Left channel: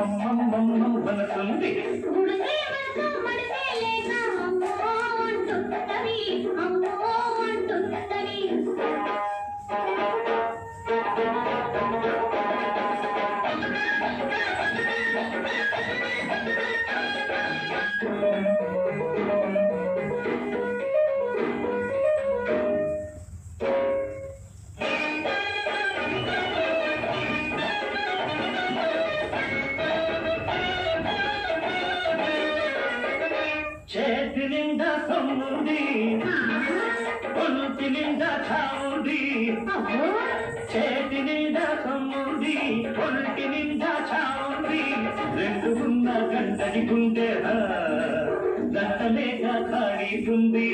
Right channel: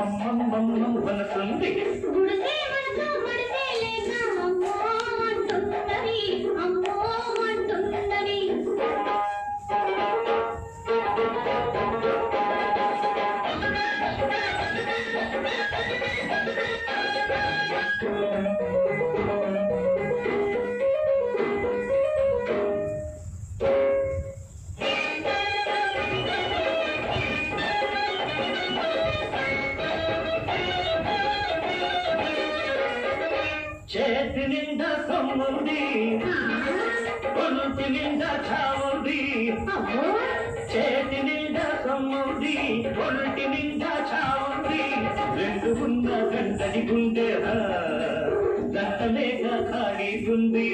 మనసుంది చేతి నిండా సొమ్ముంది ఒంటి నిండా చావుంది చేతి నిండా సొమ్ముంది ఒంటి నిండా చావుంది రెండు ఉన్న గంటని గుండె గంటలేక ఖాళీ ఉంది